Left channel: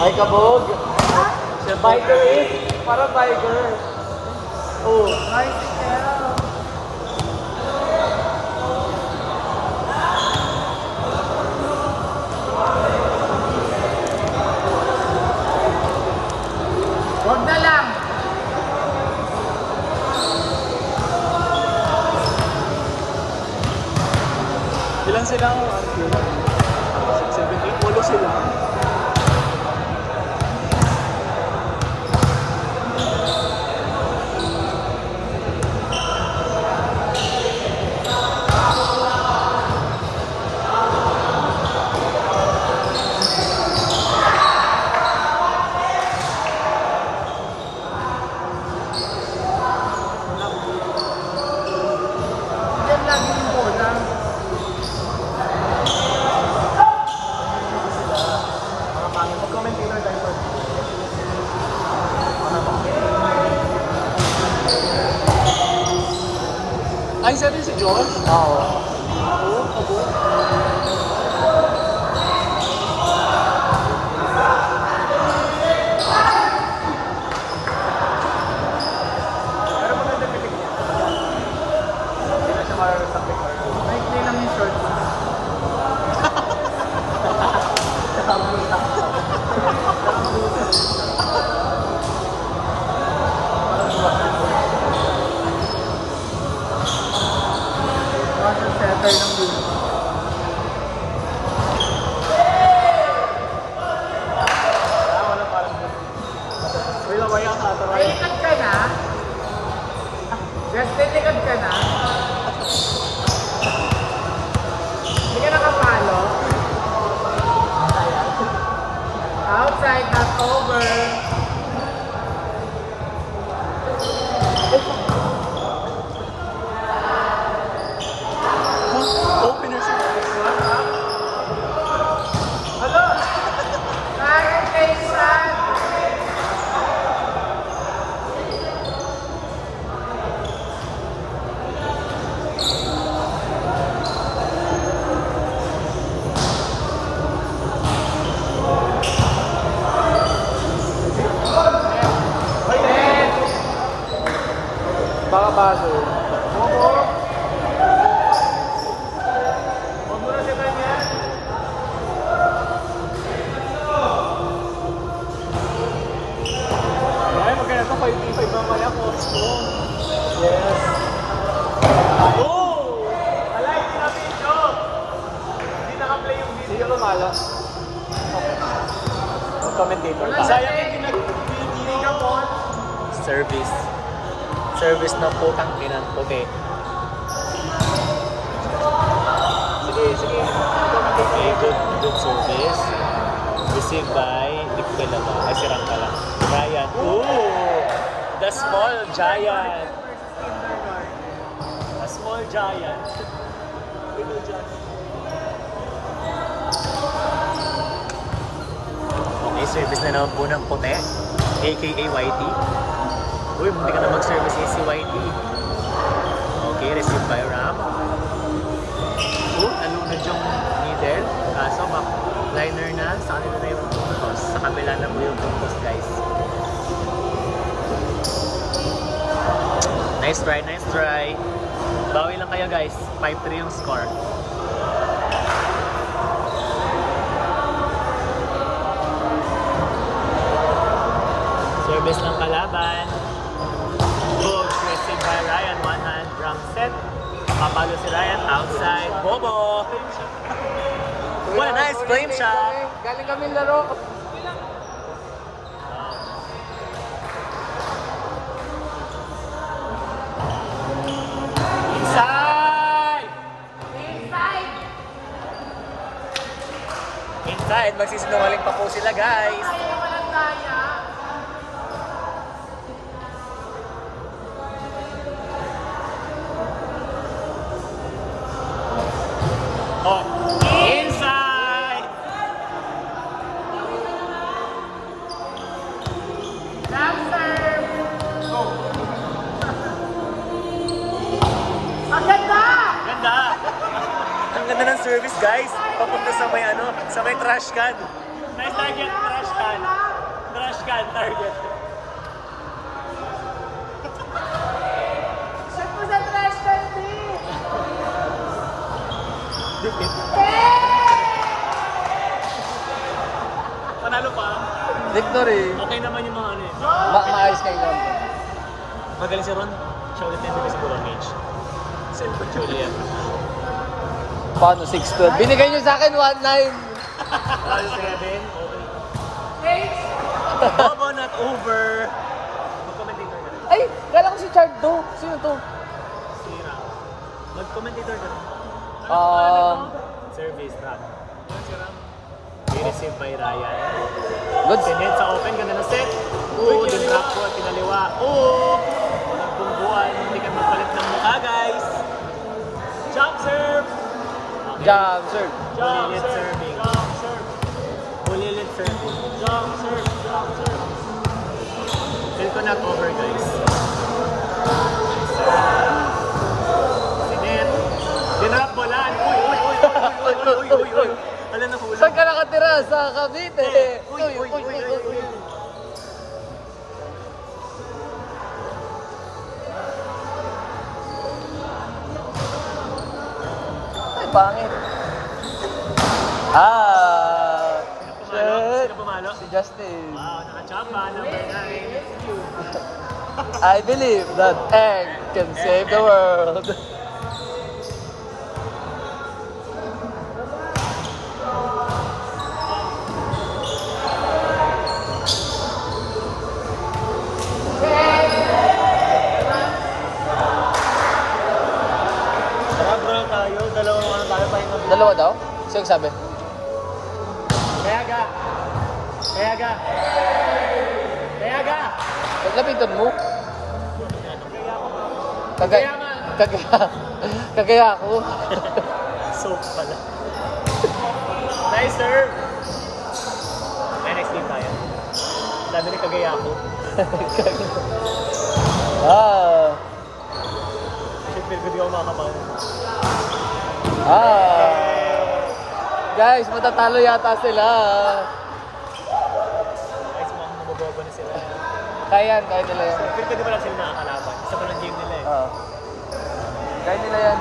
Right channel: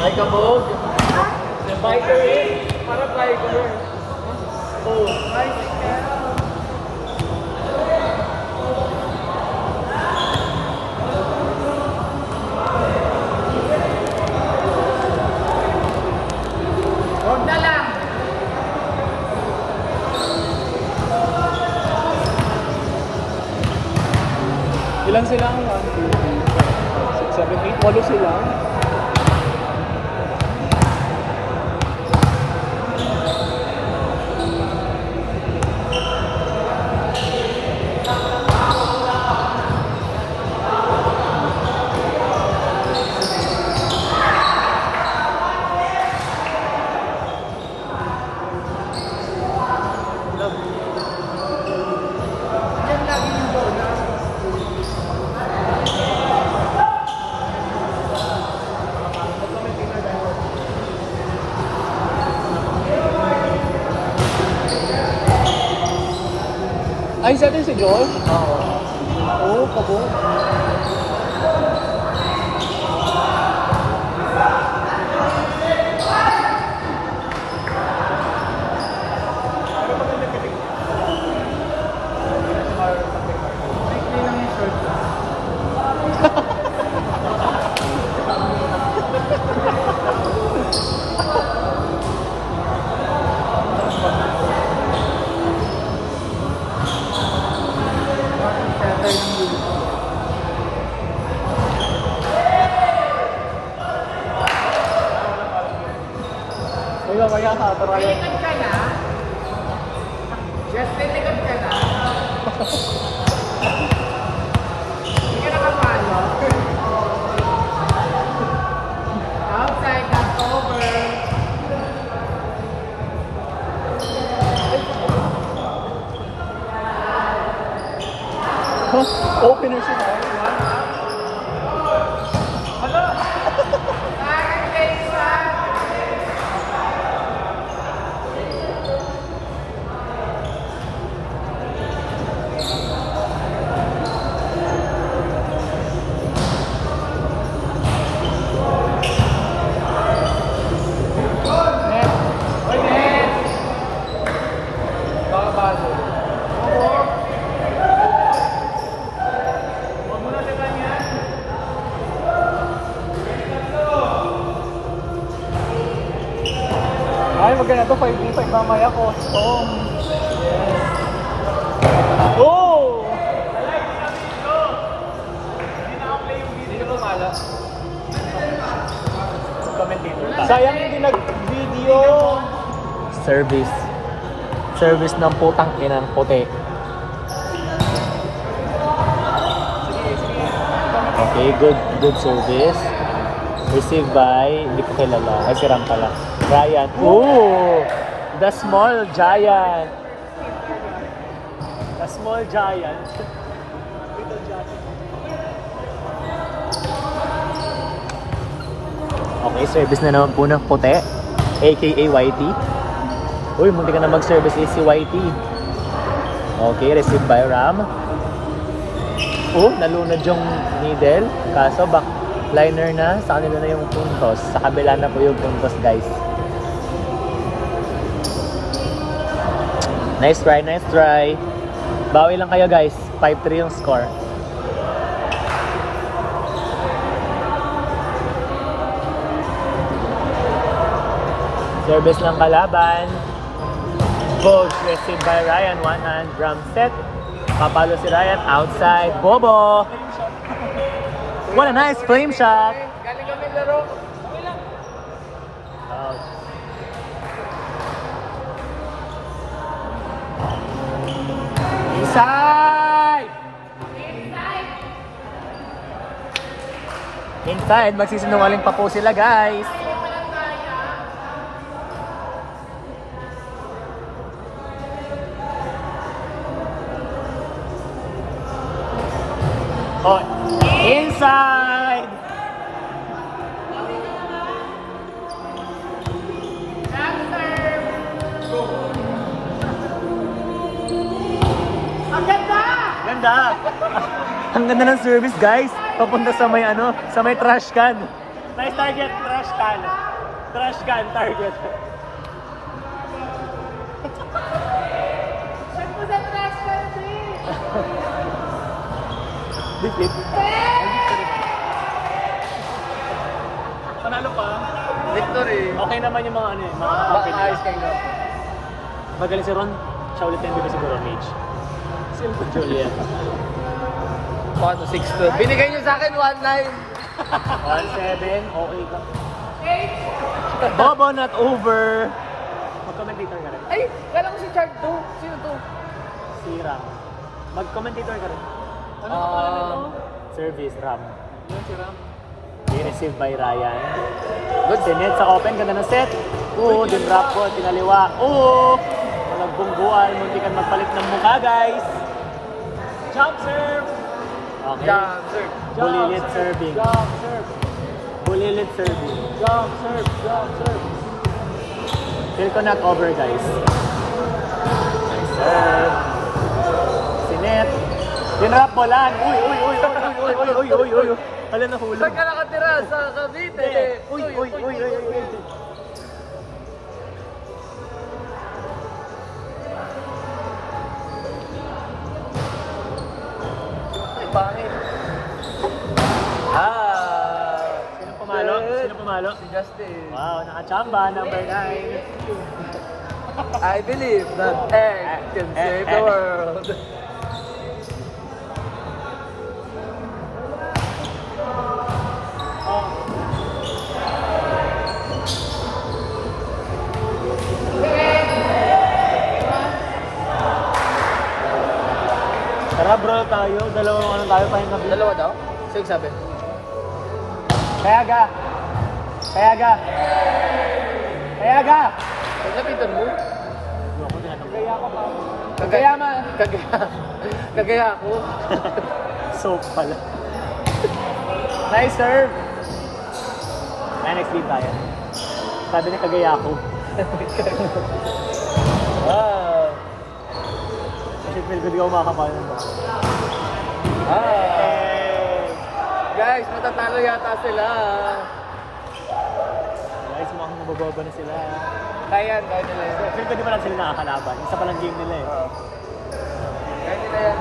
Ay, kabog. Biker eh. Parang biker. Oh, nice. Huwag na lang. Ilan sila? 1, 2, 3, 4, 5, 6, 7, 8. 8 sila. Ay, sa atin si Josh? Oo, kabo. Uy, mamaya ka, tarayo. Delikad ka na? Mas delikad ka na? Hindi ka nakapalo? Outside, not over. Huh? Opener si Mark. Ay, maganda to, 5-3-5 mamaya, custom. Yes. Oh! Alay, di na video! Hindi naka-play yung video. Hindi ka ba Commentator pa. Sayang hindi nag-video. Service. Service ng putang kinan puti. Sige, sige. Okay, good service. Received by, hindi ko kilala. Ay, si Ram pala. Giant. Ooh! The small giant. A small giant. Little giant. Okay, service na naman po ng puti. aka YT. Uy, munti ka na mag-service si YT. Okay, received by Ram. Oh, nalunod yung middle. Kaso backliner na. Sa kanila na yung puntos. Sa kabila na po yung puntos, guys. Nice try, nice try. Bawi lang kayo, guys. 5-3 yung score. Service ng kalaban. Goal received by Ryan. One hand drum set. Papalo si Ryan outside. Bobo! What a nice flame shot! Galing kami laro. Okay lang. Inside! Inside! Magsisinungaling pa po sila, guys. Inside! Ganda! Ang ganda ng service, guys. Papunta sa may sa may trash can. Nice target, trash can. can. Trash can target. Saan mo sa trash can din? Panalo pa. Victory. Okay naman yung mga ano yun. Makaayos kayo nun. Magaling si Ron. Siya ulit yung bigay sa Burong Age. Simple Juliet. Paano 6-12? Binigay nyo sa akin 1-9. 7. Okay ka. Bobo not over. Mag-commentator ka. Ay, kala ko si Chard do. Sino to? Tira. Mag-commentator ka. Ano Ah. pa ano to? Service, Ram. Yan si Ram. I-receive by Ryan. Good. Sinet sa open, ganda ng set. Oo, din drop ball, pinaliwa. Oo! Nagbungguan, hindi ka magpalit ng mukha, guys. Jump serve! Okay. Jump, sir. Jump serve. Jump serve. Bulilit serving. Jump serve. Jump serve. Feel ko not over, guys. Sinet. Dinrap bolan. Uy, uy, uy, uy, uy, uy, uy, uy, uy. Alam na hula. Saan ka nakatira? Sa Cavite. Uy, uy, uy, uy, uy. Ay, pangit. Sino pumalo? shit. Sino pumalo? Si Justin. Wow, nakachamba, number 9. I believe that egg can save the world. Wala bro tayo, dalawang ano tayo mabili. Dalawa daw? Sino sabi? Kaya ga! Kaya ga! Kaya ga! Paglapitan mo? Kaya ka pa. Kagaya nga. Kagaya ako. Soap pala. Nice serve! NXT tayo. Sabi na kagaya ako. Ah. Kasi feel good yung makakapalo. Ah. Guys, matatalo yata sila. Guys, mukhang mababa na sila. Kaya yan, kaya nila yan. Feel ko di pa lang sila nakakalaban. Isa pa lang game nila eh. Kaya nila yan.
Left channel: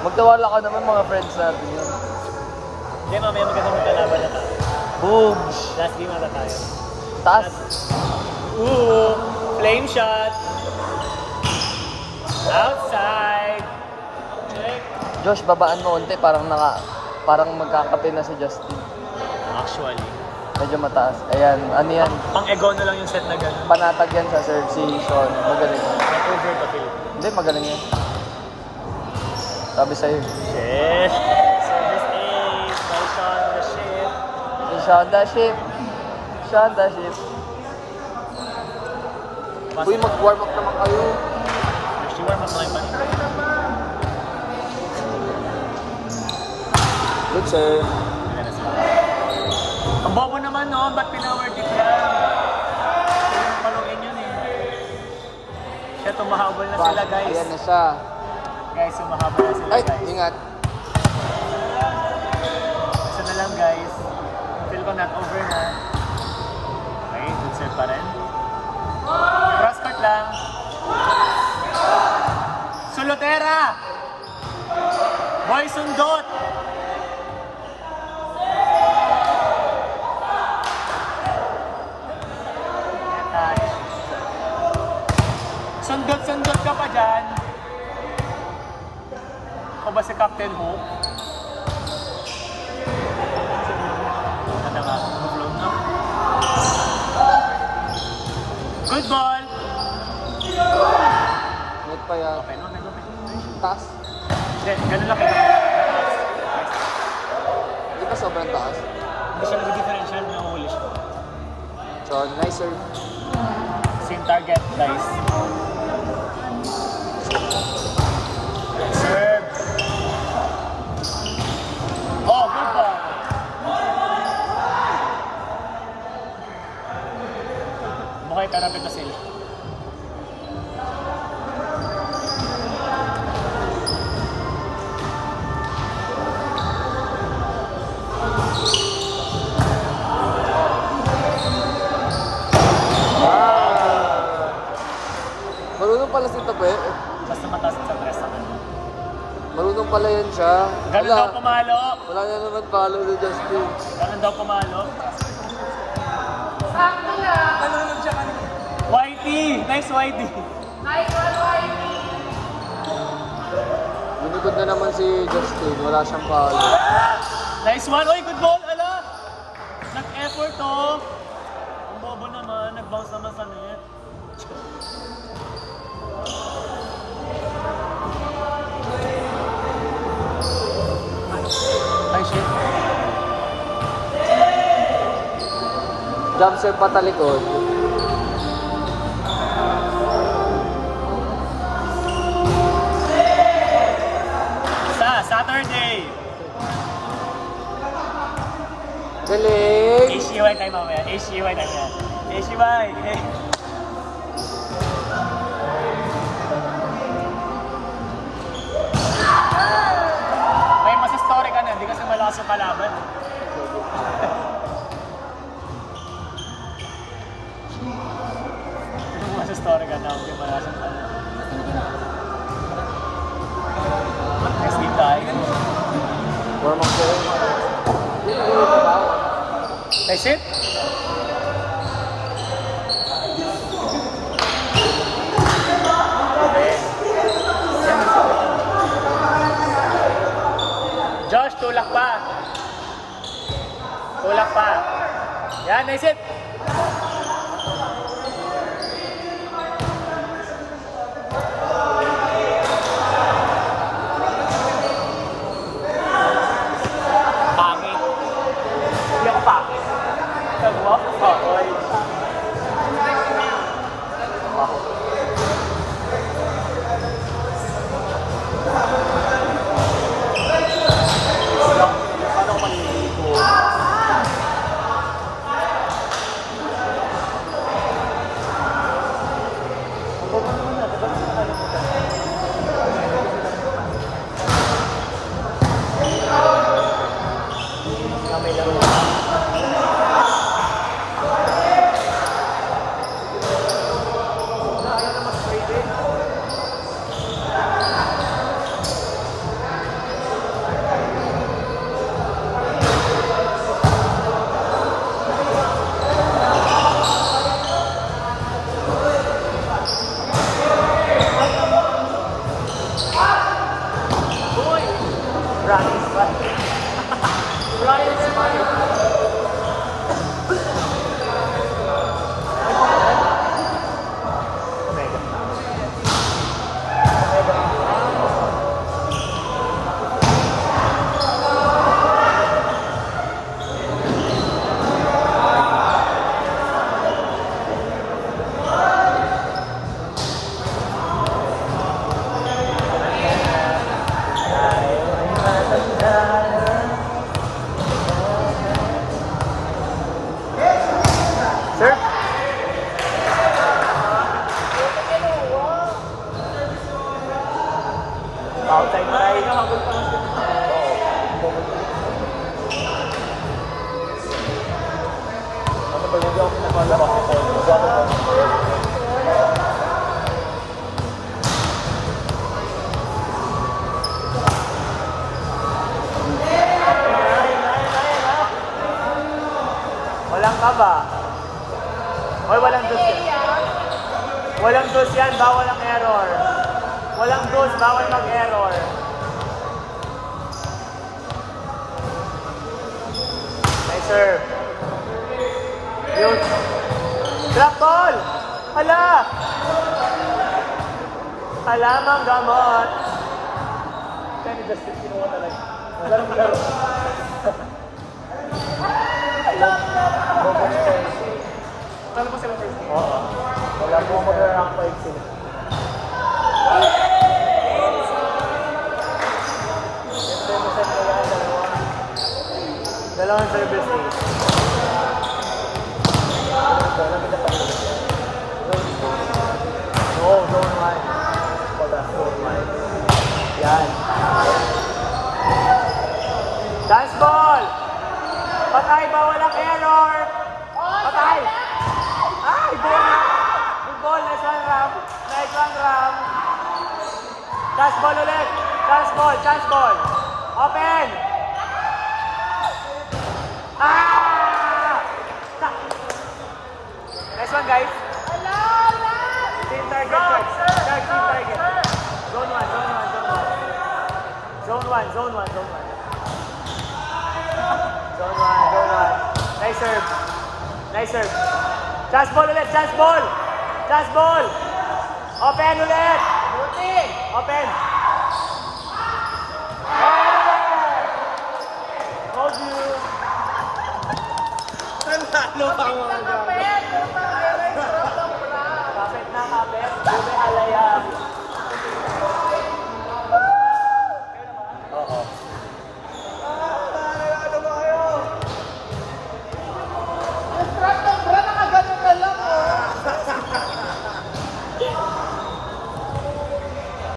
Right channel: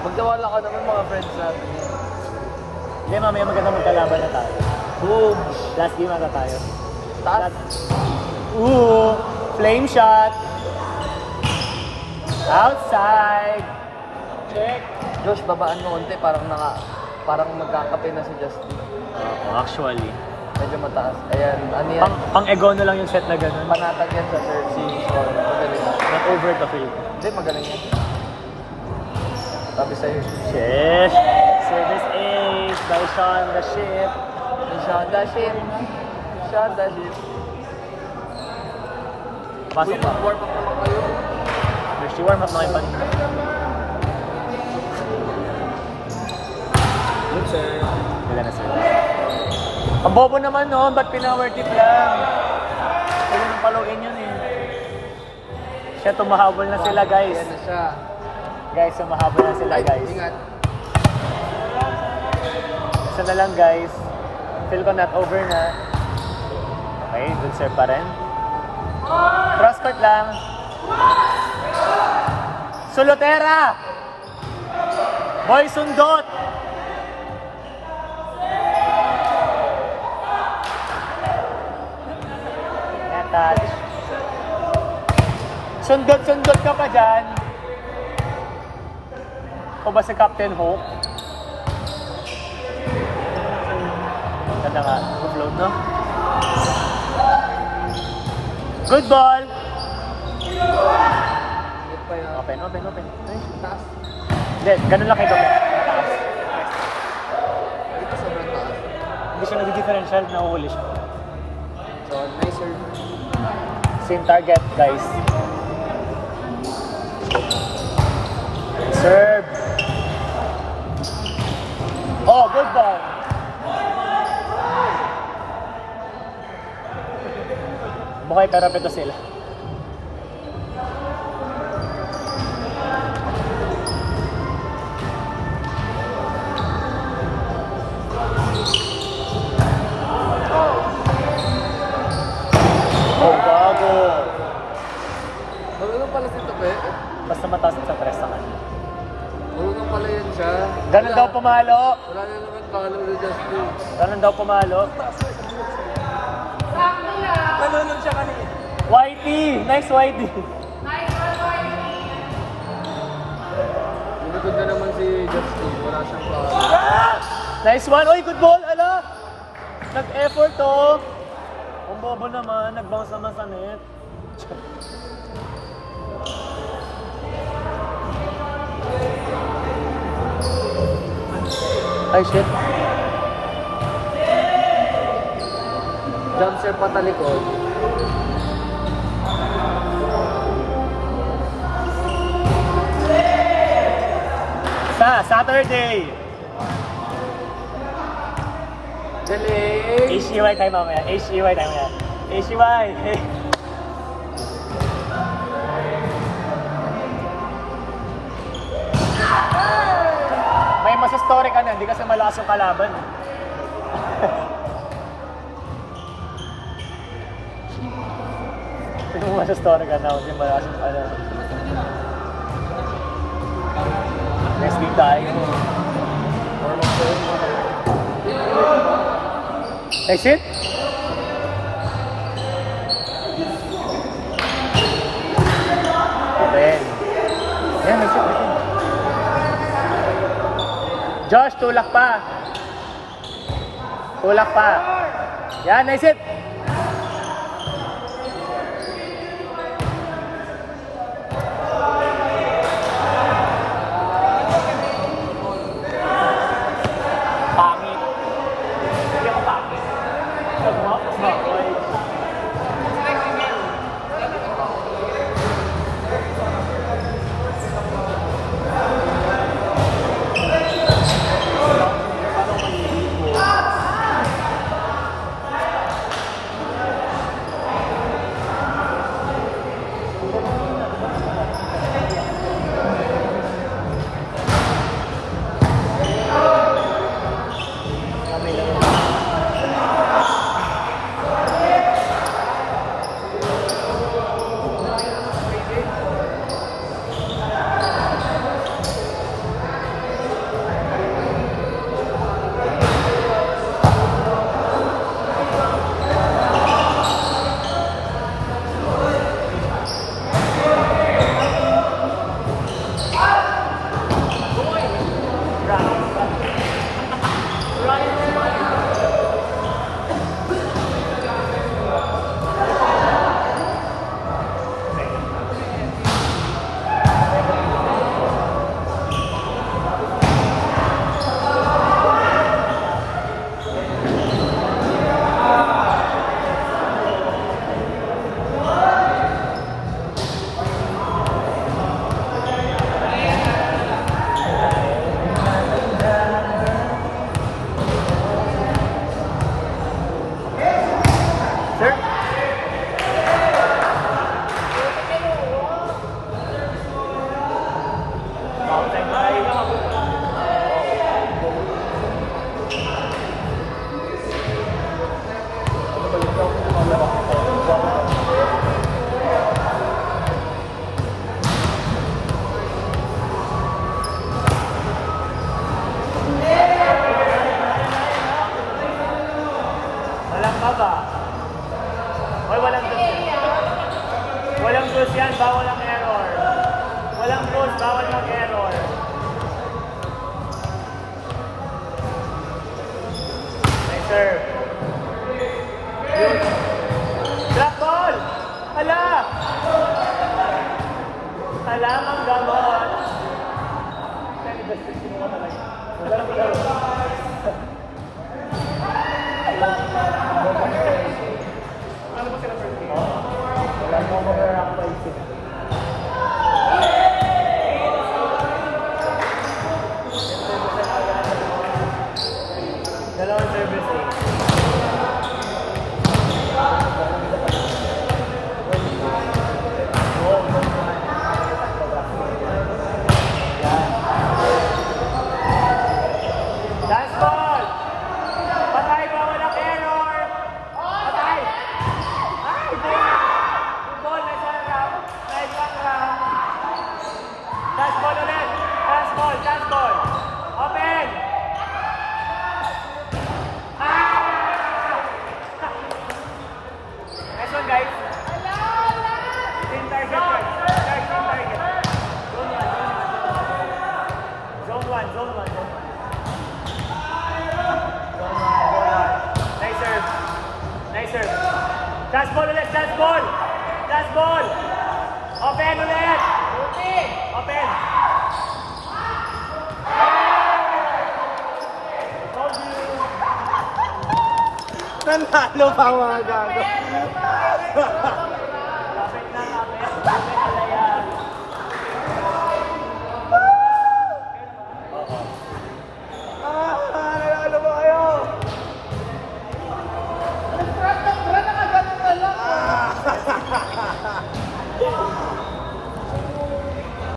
Magtawala ka naman mga friends natin. Hindi, mamaya maganda magkalaban na tayo. Boom! Last game ang tayo. Taas. Ooh! Flame shot! Outside! Check. Josh, babaan mo konti. Parang magkakape na si Justin. Actually. Medyo mataas. Ayan, ano yan? Ang ego na lang yung set na gano'n. Panatag yan sa service. So, magaling yan. Over the field. Hindi, magaling yan. Sabi sa'yo. Sheesh! Service 8! By Sean the shit! Shanda shit. Shanda shit. Uy, mag-warm up naman kayo. There's one of my buddy. Good sir. Ang bobo naman no, ba't pinower kita yan? Kaya nang paluin yun eh. Siya, tumahabol na sila guys. Ayan na siya. Guys, tumahabol na sila Ay, guys. ingat. Isa na lang guys. Feel ko not over na. Okay, good serve pa rin. Cross court lang. Solotera! Boy, sundot! Touch. Sundot-sundot ka pa dyan. O ba si Captain Hope? Ganda ka. Flow, no? Good ball! Good pa yan. Open, open, open. Taas. Hindi, ganun lang ito. Hindi pa sobrang taas. Hindi siya nag-differential, nahuhuli siya. So, nice sir. Same target, guys. Serve! Oh, good ball! Mukha'y pero pito sila. Ganun daw pumalo. Wala na naman follow si Justin. Ganun daw pumalo. Whitey! Nice Whitey! Lumikod na naman si Justin. Wala siyang follow. Nice one! Oy, good ball! Ala! Nag-effort oh! Ang bobo naman. Nag-bounce naman sa net. Ay, shit. Jump serve patalikod. Saturday! Galing! HCY tayo mamaya. HCY tayo mamaya. HCY! Hey. May masa-story ka na. Hindi kasi malakas yung kalaban. May masa-story ka na. May malakas yung kalaban. Next week tayo. Normal ko. Nice hit. Josh, tulak pa. Tulak pa. Yan, nice hit. Pangit. Yung pangit. Talo pa mga gago.